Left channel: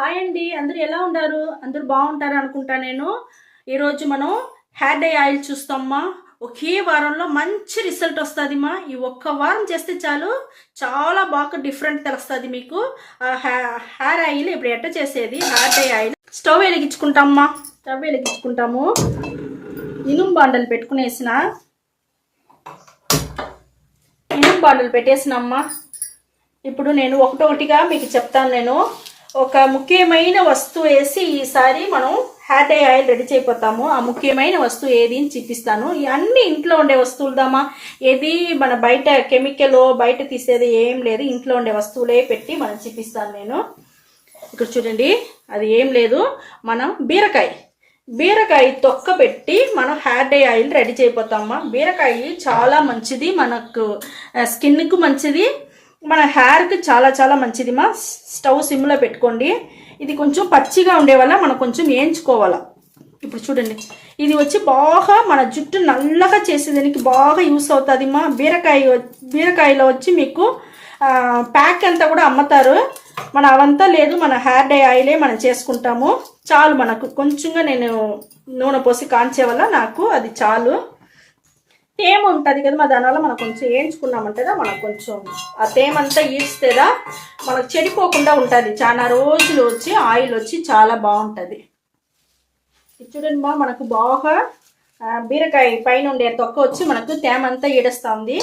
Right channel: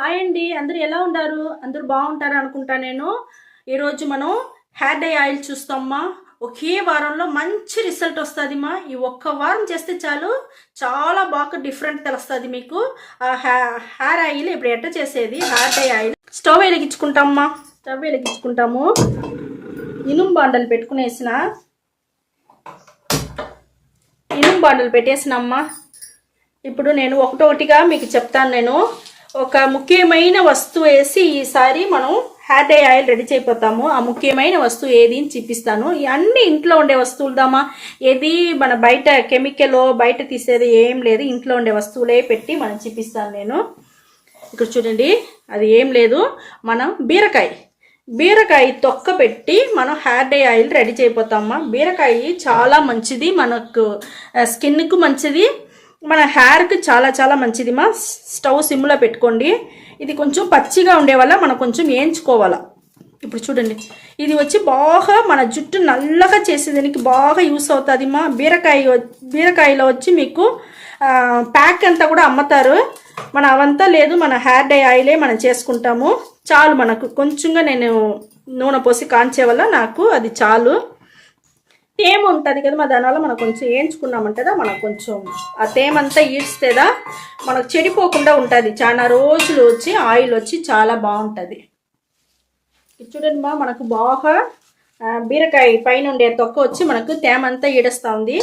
Hi అండి, అందరూ ఎలా ఉన్నారు? అందరూ బాగుంటారు అనుకుంటా. ఈరోజు మనం హెయిర్ డై ఆయిల్ చూస్తామా. ఒకే వారంలో మంచి రిజల్ట్ వస్తుంది మా. ఈ ఒక్క వారం చేస్తే చాలు, చాలా బాగా డిఫరెంట్ తెలుస్తుంది మీకు. హెయిర్ ఆయిల్ ఇప్పుడు ఎట్ట చేసేది? హెయిర్ డై ఆయిల్ స్టవ్ వెలిగించుకుంటామా. స్టవ్ వెలిగించుకుంటాము. ఇనుము బాండలు పెట్టుకునేసిన ఇనుము బాండలు పెట్టేసినమ్మా. ఇప్పుడు నేను ఒకటొకటిగా మీకు చెప్తాను. ఒక ముఖ్యమైన వస్తువు వేసి ఈసారి మనం హెయిర్ డై ఆయిల్ రెడీ చేయపోతాము. ఆ ముఖ్యమైన వస్తువు ఏది అని చూపిస్తాను. అన్ని ఇంట్లో ఉండే వస్తువులదామా. ఏది మన బయట కెమికల్ బయట తీసేది ఏం లేదు, ఇంట్లో ఉండే వస్తువులే పెట్టి మనం చూపిస్తాను. ఇక్కడ చూడండి, అది ఏం లేదు, మనం బీరకాయ తొక్క పెట్టి మనం హెయిర్ డై ఆయిల్ రెడీ చేయపోతామా. బీరకాయ చాలా మంచిది, మనకు స్కిన్కు మంచిది, మన హెయిర్కి చాలా చాలా మంచిది మా. స్టవ్ సిమ్లో పెట్టుకోండి. ఇది కొంచెం పచ్చిగా ఉండే వల్ల మనం కొంచెం వేయించుకోవాలా. ఇప్పుడు చూడండి, ఇది వచ్చి బాగా మన జుట్టు నల్లగా చేసేదానికి బాగా యూస్ అవుతుంది మా. బీరకాయలో వచ్చి మీకు ప్యాక్ అంతా కూడా అమ్ముతారు. మన అవంతా లేదు, మన హెయిర్ డై ఆయిలే మనం చేసుకుంటాము. చాలు, మనకు కొంచెంగా నేను నూనె పోసి కాంచే వల్ల నాకు అది చాలు. తేమ ఉంటుంది కదా, దానివల్ల మనం కొంచెం వేయించుకున్నామంటదా, మనకు కొంచెం ఆ తేమంతా ఈడ్స్తేదా మనకు చెడిపోకుండా ఉంటుంది. చాలా రోజులు వచ్చి ఆయిల్ వచ్చి చాలా బాగుంటుంది. చూడండి మా, మనకు బాగా బీరకాయ పైన ఉండే తొక్క వచ్చి మనకు తేమంతా ఈడేస్తూ ఉంది.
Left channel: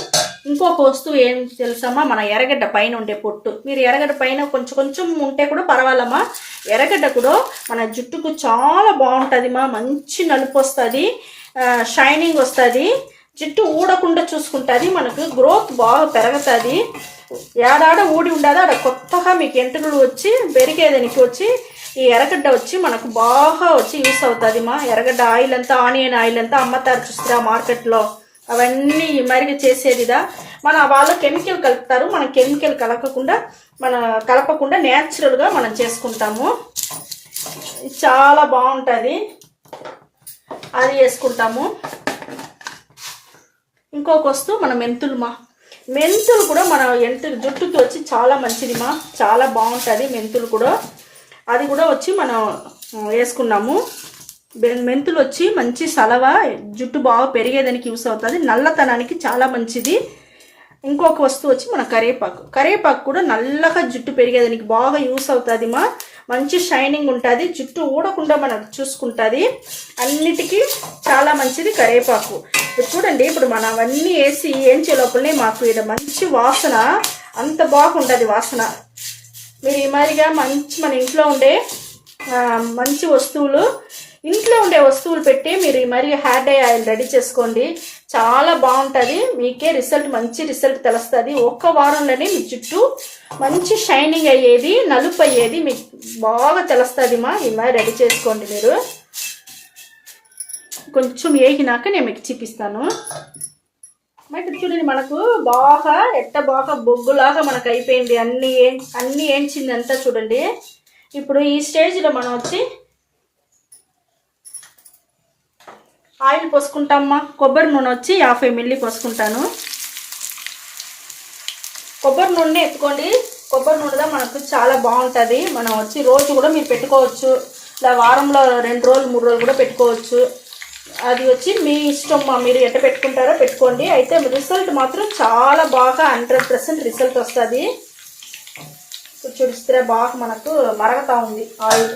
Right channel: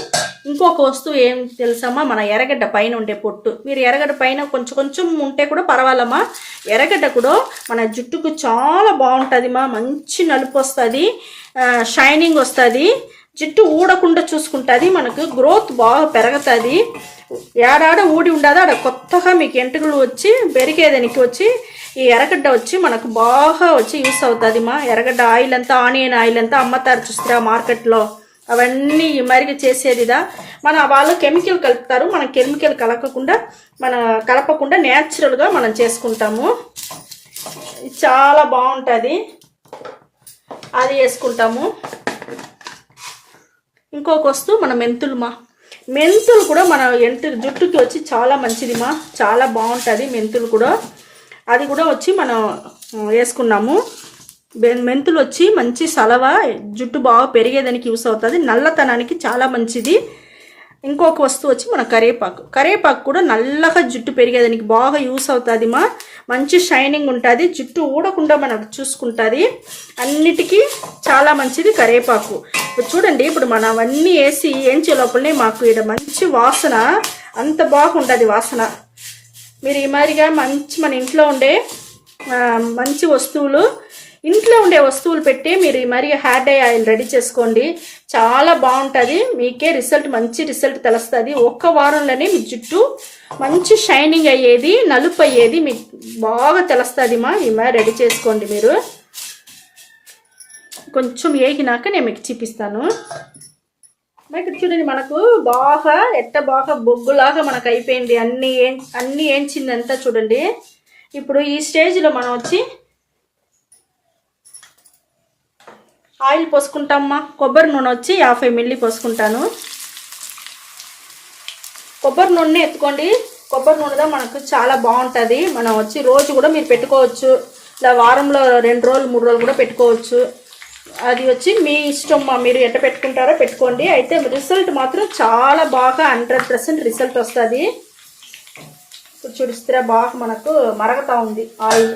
ఇంకొక వస్తువు ఏం తెలుసమ్మా, మన ఎర్రగడ్డ పైన ఉండే పొట్టు. మీరు ఎర్రగడ్డ పైన కొంచెం కొంచెం ఉంటే కూడా పర్వాలమ్మా. ఎర్రగడ్డ కూడా మన జుట్టుకు చాలా బాగుంటుంది మా. మంచి నలుపు వస్తుంది, షైనింగ్ వస్తుంది, జుట్టు ఊడకుండా చూసుకుంటుంది, మనకు గ్రోత్ బాగా పెరుగుతుంది. ఏడాడ ఊడి ఉండదు, ఆడ కొత్తగా మీకు ఎంటుకలు వచ్చి పెరిగేదానికి వచ్చి ఈ ఎర్రగడ్డ వచ్చి మనకు బాగా వచ్చి యూస్ అవుతుంది మా. ఎర్రగడ్డ ఆయిల్ అంతా, ఆనియన్ ఆయిల్ అంతా అమ్మతారు చూస్తారా మార్కెట్లో. అవన్నీ మరిగి చేసేదిదా. వాళ్ళు కెమికల్ కలుపుతారు, మన కెమికల్ కలపకుండా న్యాచురల్గా మనం చేసుకుంటాము. చాలా బాగుంటుంది, అది వేసుకుంటాము. ఇంకొక వస్తువు మన మెంతులు కూడా మన జుట్టుకి వచ్చి చాలా మంచిది మా. చాలా బాగుంటుంది మెంతులు కూడా. అది కూడా వచ్చి మనం వేసుకున్నాము. మెంతులు వచ్చి మంచి సలవ, జుట్టు బాగా పెరిగేదానికి యూస్ అవుతుంది, నల్లతనానికి చాలా మంచిది. ఇంకొక వస్తువు వచ్చి మన కరివేపాకు కూడా నల్లగా జుట్టు పెరిగేదానికి బాగా యూస్ అవుతుంది మా. మంచి షైనింగ్ ఉంటుంది, జుట్టు ఊడకుండా మనకు చూసుకుంటుంది. అన్నిటికీ చాలా మంచిది కరివేపాకు. ఇప్పుడు చూడండి, ఇప్పుడు మనం అవన్నీ వేసి ఏంచే లోపలనే మాకు ఇక్కడ మంచి వాసన, అంత బాగుంటుంది వాసన. మీరు ఈ మాదిరిగా మన ఇంట్లో ఉండే మంచి వస్తువులు, ఇంట్లో ఉండే వస్తువులు పెట్టి మీరు ఈ మరి హెయిర్ డై ఆయిల్ రెడీ చేసుకోండి. చాలా బాగుంటుంది, మీకే మంచి రిజల్ట్ తెలుస్తుంది. ఒక్క వారంలోనే మీ జుట్టు మంచి షైనింగ్ అయ్యేది, నలుపు అయ్యేది మీకు బాగా తెలుస్తుంది మా. ఈ మరి రెడీ చేసుకోండి మీరు. కొంచెం వేగినాక నేను మీకు చూపిస్తాను. ఇక్కడ చూడండి, మనకు బాగా బొగ్గులాగా మనకు అయిపోయింది. అన్నీ ఏంచిందంతా చూడండి. ఇప్పుడు ఈ స్టేజ్లో మనం వచ్చి ఆయిల్ పోసుకుంటామా. కొబ్బరి నూనె వచ్చి 50 ml పోసుకుంటాను. కొబ్బరి నూనె ఎత్తుకోండి. కొబ్బరి నూనెలో మనకు చాలా బాగుంటుంది. మనం వచ్చి రోజు కూడా మీరు పెట్టుకోవచ్చు, ఇలా వారంలో 2 రోజులు 3 రోజులు కూడా పెట్టుకోవచ్చు. అది వచ్చి మీ ఇష్టం మా, మీరు ఎట్ట పెట్టుకుంటారో పెట్టుకోండి. అయితే రిజల్ట్ మాత్రం చాలా బాగా 100% రిజల్ట్ వస్తుంది. చూడిస్తే బాగా మనకు మరగతా ఉంది ఆయిల్.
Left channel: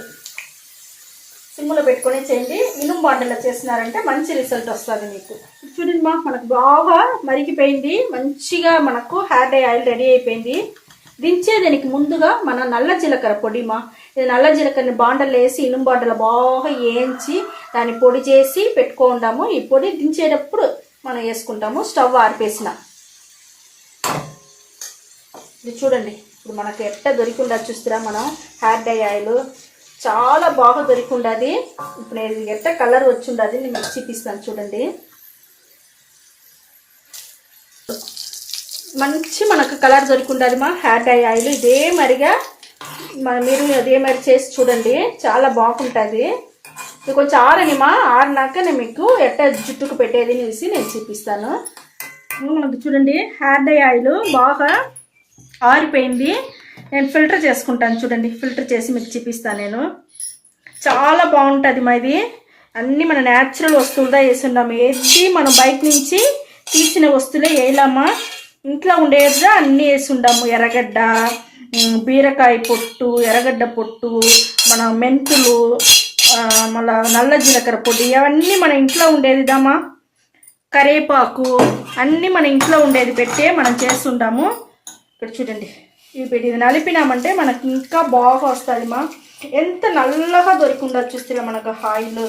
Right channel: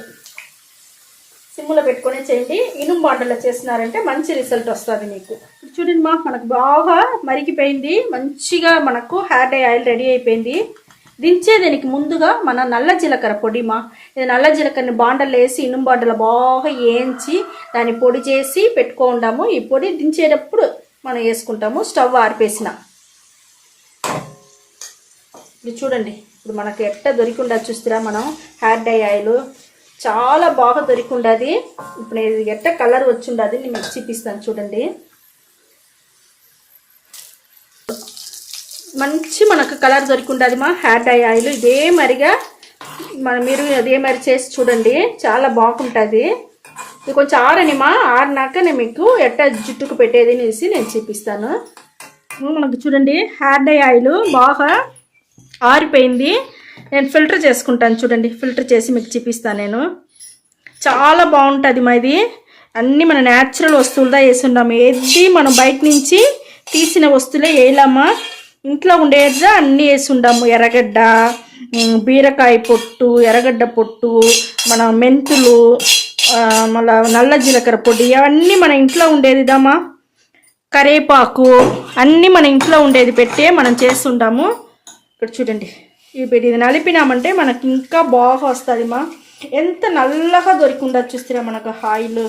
సిమ్లో పెట్టుకొని చేయండి. ఇనుము బాండలో చేసినారంటే మంచి రిజల్ట్ వస్తుంది మీకు. చూడండి మా, మనకు బాగా మరిగిపోయింది, మంచిగా మనకు హెయిర్ డై ఆయిల్ రెడీ అయిపోయింది. దించేదానికి ముందుగా మన నల్ల జీలకర్ర పొడి మా. ఇది నల్ల జీలకర్రని బాండలు వేసి ఇనుము బాండలు బాగా వేయించి దాన్ని పొడి చేసి పెట్టుకుంటాము. ఈ పొడి దించేటప్పుడు మనం వేసుకుంటాము. స్టవ్ ఆర్పేసిన ఇది చూడండి, ఇప్పుడు మనకు ఎట్ట దొరికిండా చూస్తారా. మనం హెయిర్ డై ఆయిల్ చాలా బాగా దొరికిండది. ఇప్పుడు ఇది ఎట్ట కలర్ వచ్చి ఉండదు, నేను మీకు చూపిస్తాను చూడండి. మంచి మనకు కలర్ దొరికిండది మా హెయిర్ డై ఆయిల్. ఇదే మరిగా మీరు అదే మరి చేసి చూడండి, చాలా బాగుంటుంది. ఇది కొంచెం ఆరినాక నేను మీకు ఎట్ట జుట్టుకు పెట్టేది అనేసి నేను చూపిస్తాను. మనకు చూడండి, హెయిర్ డై ఆయిల్ బాగా ఆరిపోయింది. నేను ఫిల్టర్ చేసుకుంటాను చూడండి. ఫిల్టర్ చేసి మీకు చూపిస్తాను నేను. చాలా బాగుంటుంది మా ఇది. అన్నీ మన న్యాచురల్ వస్తువులతో వేసి ఉన్నాము. ఏది మనం బయట నుంచి తీసిన వస్తువులే వేయలేమా, ఇంట్లో ఉండేదా అన్నీ వేసి ఉండాము. ఎర్రగడ్డ, బీరకాయ పొట్టు, ఎర్రగడ్డ పొట్టు, మన మెంతులు, మళ్ళీ నల్ల జీలకర్ర పొడి, అవన్నీ మన ఇంట్లో ఉండేదిదామా. కరేపాకు అన్నీ మన ఇంట్లో ఉండేది పెట్టే మనం చేస్తుంటాము. ఇక్కడ చూడండి, ఇది నలిపినామంటే మనకి ఇంకా బాగా వస్తుంది మా. ఎంత నల్లగా దొరికిందో చూస్తే మనకు ఆయిల్,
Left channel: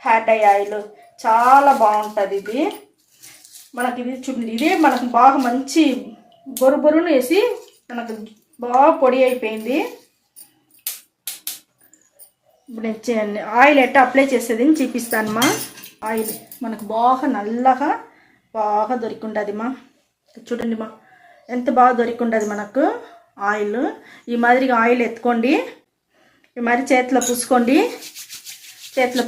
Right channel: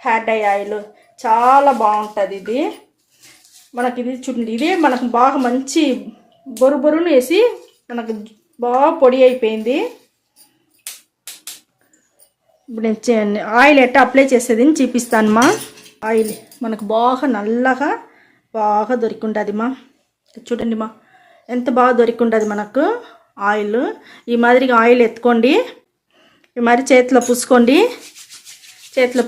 హ్యాట్ ఆయిల్ చాలా బాగుంటుంది ఇది మనకి. ఇది చూడండి, ఇదే మనకు బాగా మంచి బొరుబొరును వేసి మనకు బాగా పొడి అయిపోయింది. ఇప్పుడు నేను ఆయిల్ ఎట్లా అప్లై చేసేది అని చూపిస్తాను మా. ఆయిల్ మనకు బాగా నల్లగా బాగా దొరికింటుంది మా. చూడండి మా, ఎంత బాగా దొరికింటుంది మనకు ఆయిల్. ఈ మాదిరిగా ఆయిల్ ఎత్తుకోండి, ఈ మాదిరి చేతిలో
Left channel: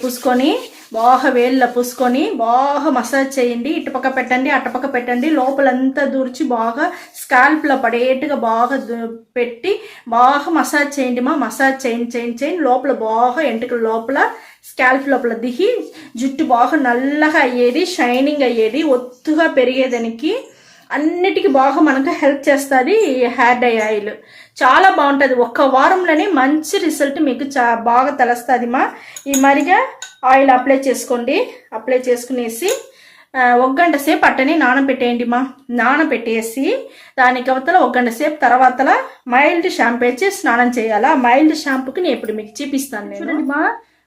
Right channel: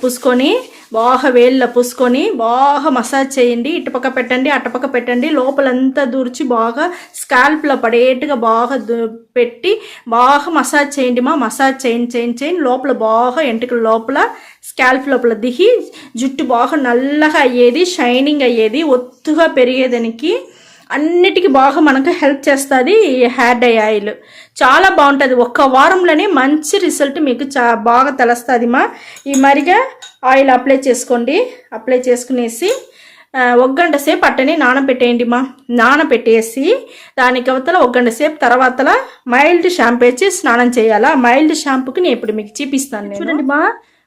పూసుకొని బాగా వేళ్ళలో పూసుకొని బాగా మసాజ్ చేయండి. ఇటుపక్క పెట్టండి, అటుపక్క పెట్టండి, లోపలంతా దూర్చి బాగా స్కాల్ప్లో పడేట్టుగా బాగా పెట్టి బాగా మసాజ్ చేయండి మా. మసాజ్ చేయండి లోపల బాగా ఎంటుకల లోపల స్కాల్ప్ లోపల దిగి జుట్టు బాగా నల్లగా అయ్యేది, షైనింగ్ అయ్యేది, ఒత్తుగా పెరిగేదానికి అన్నిటికీ బాగా మనకు హెల్ప్ చేస్తుంది హెయిర్ డై ఆయిల్. చాలా బాగుంటుంది. ఒక్క వారంలోనే మంచి రిజల్ట్ మీకు బాగా తెలుస్తుంది మా. ఈ మరిగా ఆయిల్ అప్లై చేసుకోండి. అప్లై చేసుకునేసి 1 గంట సేపు అట్టని నానబెట్టేయండి మా. నానబెట్టేసి దానికి అవతల 1 గంట సేపు తర్వాత మైల్డ్ షాంపూ వేసి స్నానం చేయాలా. మైల్డ్ షాంపూకి నేను ఇప్పుడు మీకు చూపిస్తాను. చూడండి మా,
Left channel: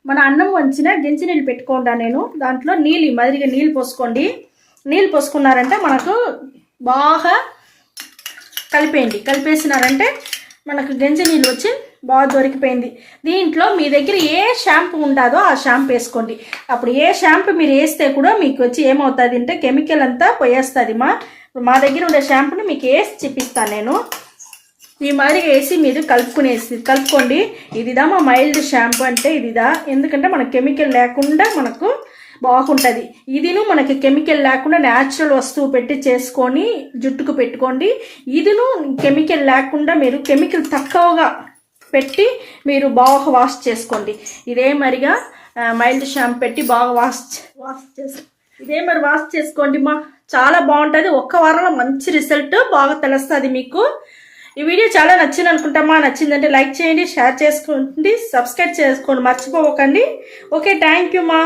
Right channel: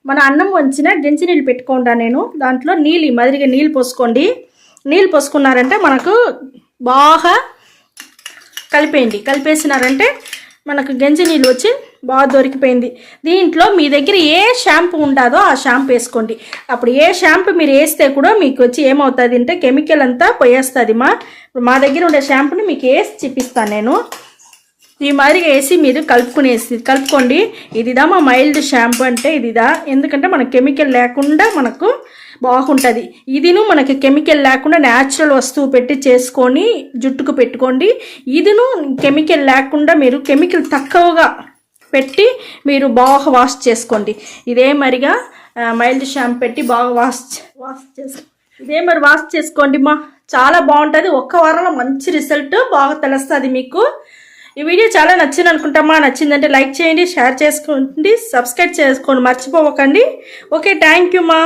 మన అన్నం వంచిన గెంజి నీళ్ళు పెట్టుకోండా నేను. దాంట్లో నీళ్ళు ఈ మాదిరిగా నీళ్ళు పోసుకోండి. నీళ్ళు పోసుకున్నారంటే మనకు బాగా కలిపేసినారంటే మనకు గంజి నీళ్ళు వచ్చి బాగా దొరికిపోయింది. దీంట్లో మీ దగ్గర ఏ షాంపూ ఉంటుందో ఆ షాంపూ వేసుకోండి. అప్పుడు ఏ షాంపూ మీరు వేస్తే కూడా మీకు వచ్చి ఏమవుతుంది అంటే కెమికల్ అంతా పోయేస్తుంది మా. మా దగ్గర ఉండే షాంపూని మీకు వేసి చూపిస్తాను నేను. ఈ మాదిరిగా వేసి మీరు కలుపుకోండి. ఇదిదా మా మైల్డ్ షాంపూ అంటే ఇదిదా. ఎందుకంటే మనకు కెమికల్ లేకుండా మనకు బాగుంటుంది. ఇదిను మనకి కెమికల్ లేకుండా న్యాచురల్ వస్తువు పెట్టి చేసుకొని జుట్టుకు పెట్టుకోండి. ఇదిను కెమికల్ లేకుండా మీరు కెమికల్ తక్కువగా పెట్టి మీరు బాగా వాష్ చేసుకోండి. ఇదే మరిగా మైల్డ్ షాంపూ పెట్టి బాగా వాష్ చేసుకోండి మా. చాలా బాగుంటుంది. 1 వారంలో మంచి రిజల్ట్ బాగా తెలుస్తుంది మీకు. ఈ వీడియో చాలా నచ్చింది అనుకుంటామా. నచ్చిందంటే లైక్ చేయండి, షేర్ చేసుకోండి, సబ్స్క్రైబ్ చేసుకోండి మర్చిపోకండి. ఓకే, థ్యాంక్ యూ మా.